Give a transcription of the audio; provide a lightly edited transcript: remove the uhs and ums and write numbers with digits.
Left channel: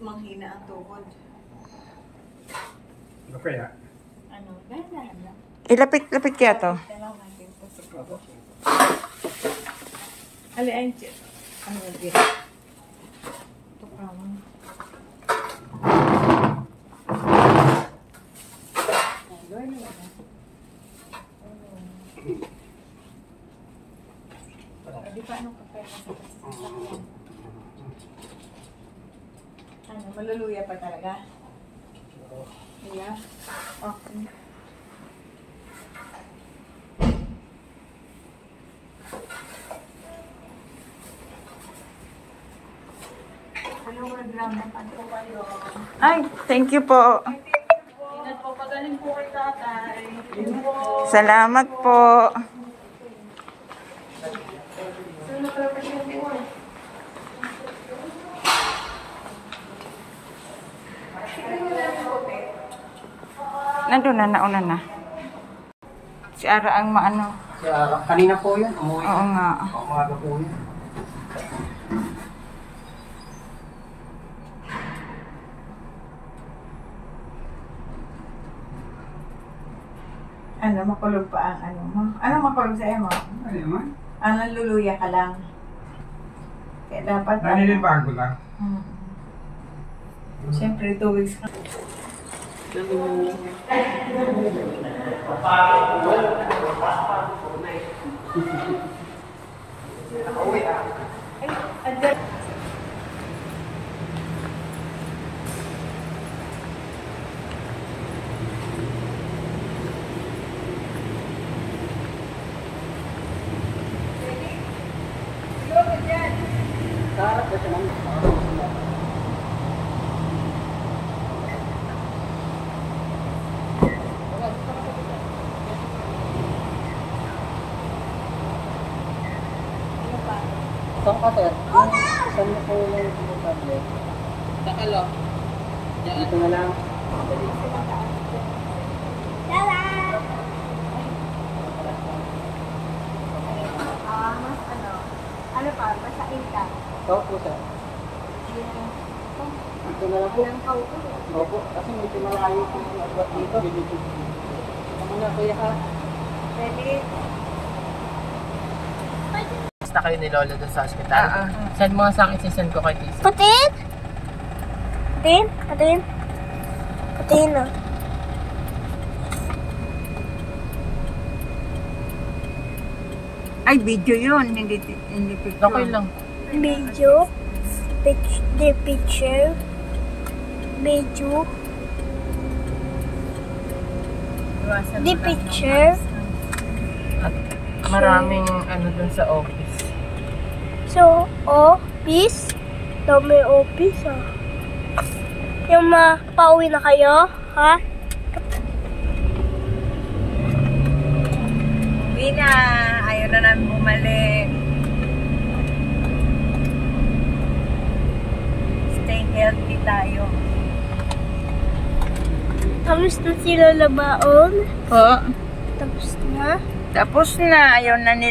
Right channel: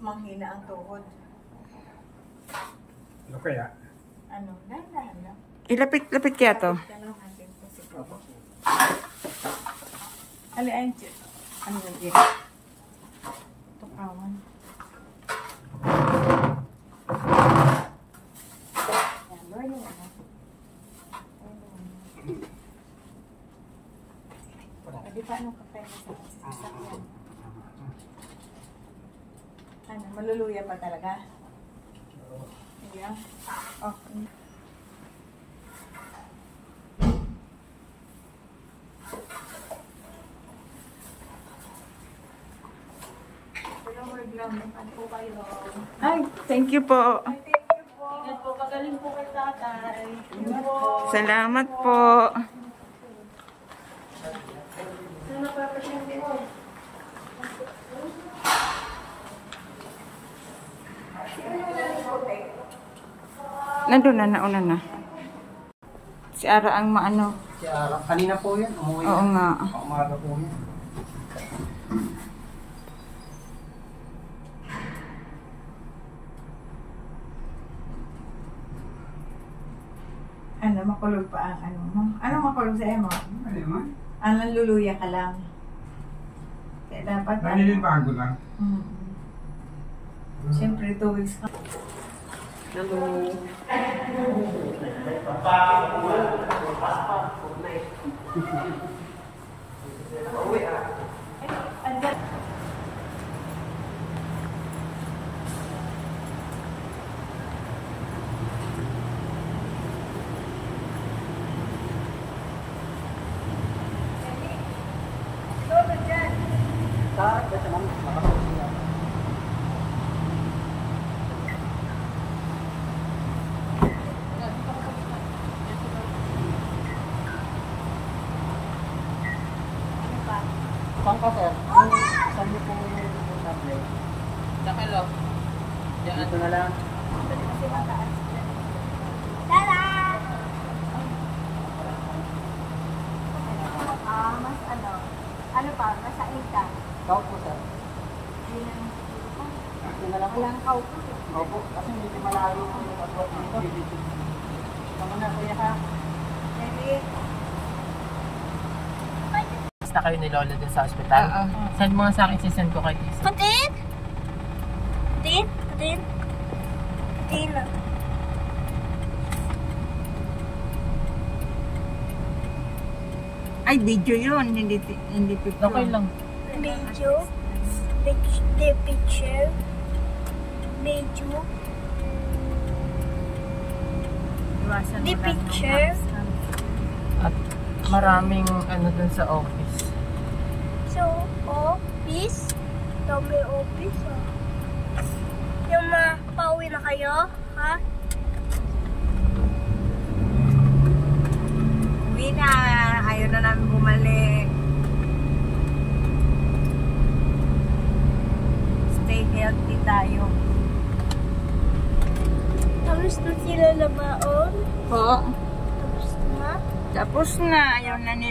manghina ang tuhod. Okay na. Ano? Dahan-dahan na. Ilapit kaya to. Talaw natin ito siguro. Alian, ano ba dito? Ito kawan. Di pa anong kapay na sa ano, maluluya pa talaga? Yeah. Oh. Ay, thank you po. Ingat po, pagaling po kay tatay. Salamat po. Nandun na, nauna na. Si Ara ang maano. Si Ara, kanina po yun. Umuwi. Oo nga. Umaga po yun. Ano, makulog pa ang ano mo? Ano makulog sa'yo mo? Ano naman? Ang naluluya ka lang. Kaya dapat Nanilibago lang. Siyempre, 2 weeks na. Saan ka, sir? Saan mo po yung tablet? Sakalo. Dito na lang. Ano pa? Masakit ka? Ikaw po, sir. Dito na lang po. Opo, kasi medyo malayo po yung abot dito. Una, kuya ha. Ready? Na kayo ni Lola doon sa ospital. Send mo nga sa akin, sisend ko kay Tisa. Patin? Patin? Patin? Patin na. Ay, video yun. Hindi picture. Okay lang. Video. The picture. Video. Iwasan The mo lang picture. At maraming ano doon sa office. So, office. Dami office ah. Yung pauwi na kayo, ha? Uwi na. Ayaw na namin bumalik. Stay healthy tayo. Tapos na sila labaon. Po. Tapos na. Tapos na. Ayaw na nila.